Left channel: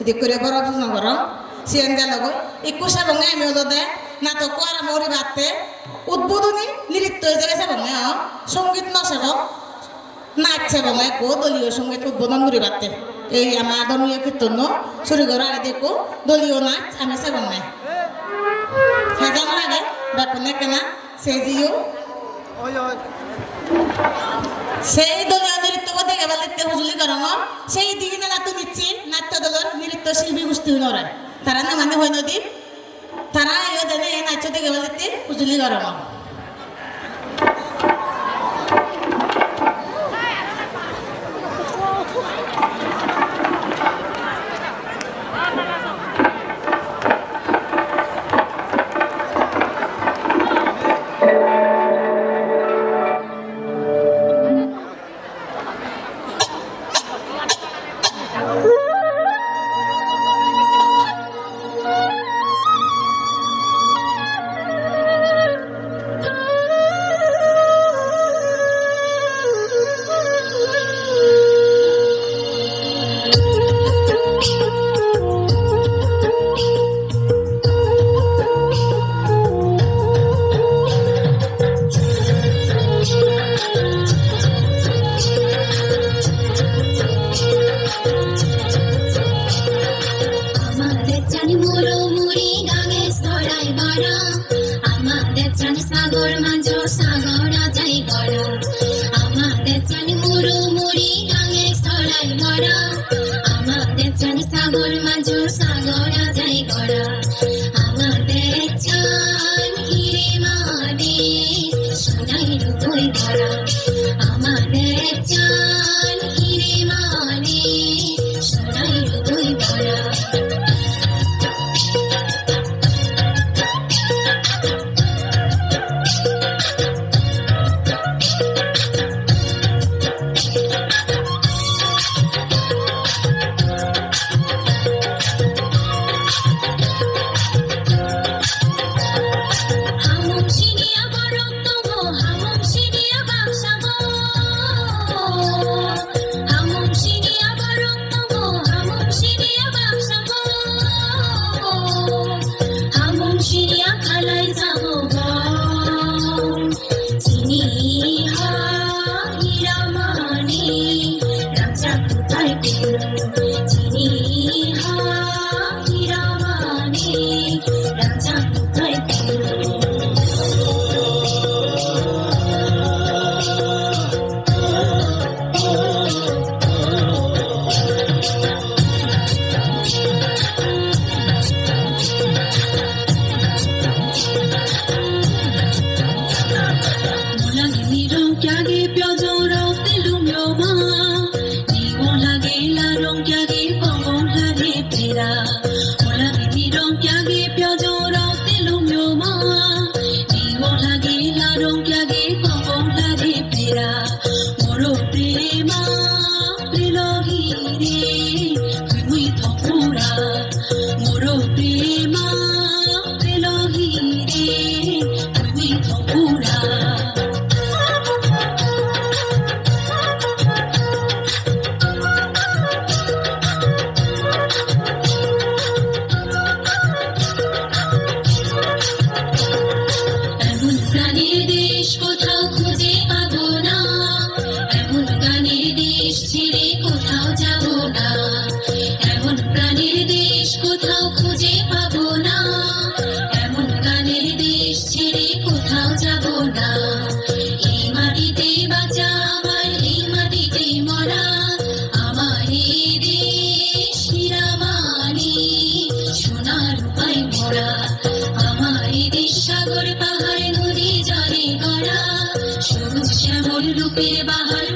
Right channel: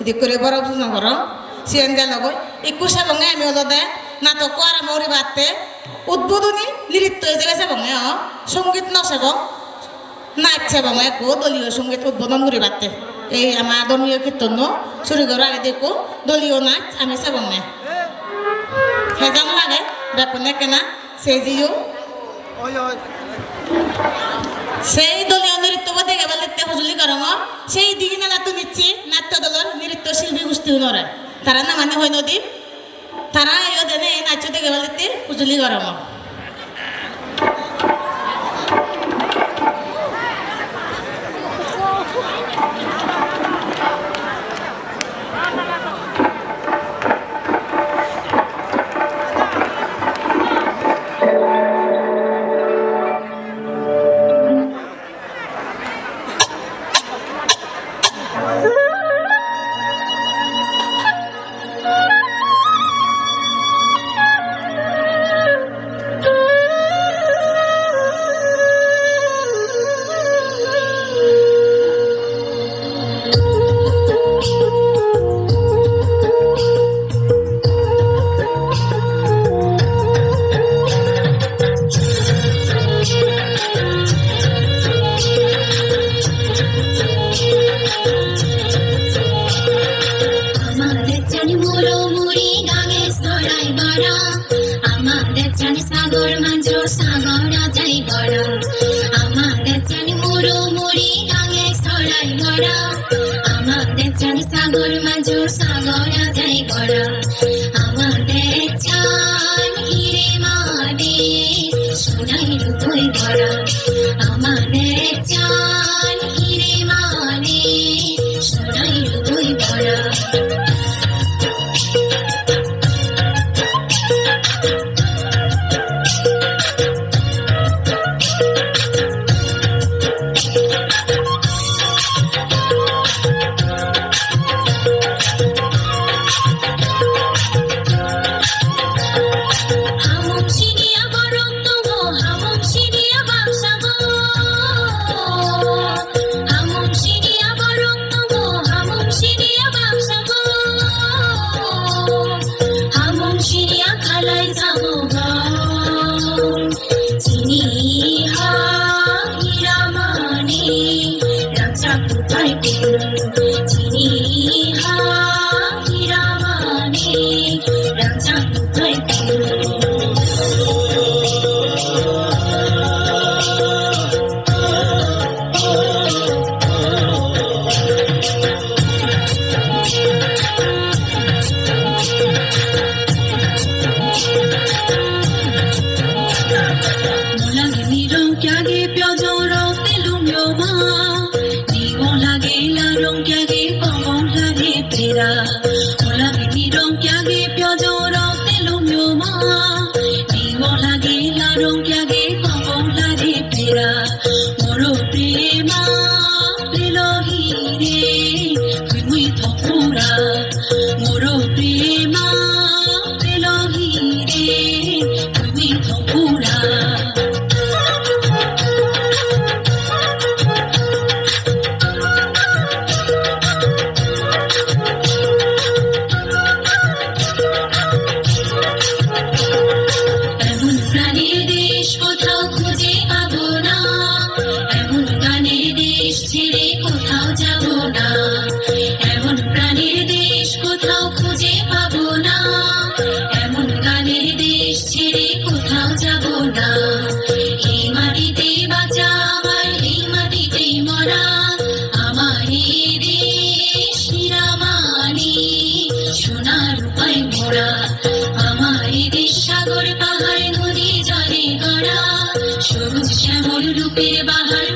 এদিক করে বড় বুঝনা করো সিএনজে লগো একুশে বঙ্গে আমি ওদের নাটক আর মরি বাড়তে উদ্বোধনী নৃত্য হয়ে গেছে বঙ্গে সঙ্গীত নসেব নাচছে বঙ্গে কো দলীয় সঙ্গীত উদ্বোধন করি বাড়তে এই আমার ধর্মীয় কীর্তন শুরু করার আগে দেখো দলীয় নাচ আমি সে বঙ্গে হ্যাঁ যেমন আগে ব্যাপনে কেনা সে জিও সেই দলীয় নৃত্য দেখে বলে হুজুলি করম সেই দিকে নাট্য নিচ্ছি নাট্য দলের নৃত্য শিল্পী গোষ্ঠী নরে তারা না মানে হয় নদী তারা এনে নাচ দেখে বলে হুজুলি করম সাগর মাঝো সাগরা যাই গড়া আমাদের চান মুড়ো মুড়ি গাঙে সরাই গড়া আমাদের চান সাগর মাঝো সাগরা যাই গড়া আমাদের চান হিরে মাদে সোনাই রূপই গড়া আমাদের চান হিরে মাদে সোনাই রূপই গড়া সাগর পাহাড় নদী জলে গড়া সবুজ শ্যামল রূপের বাহার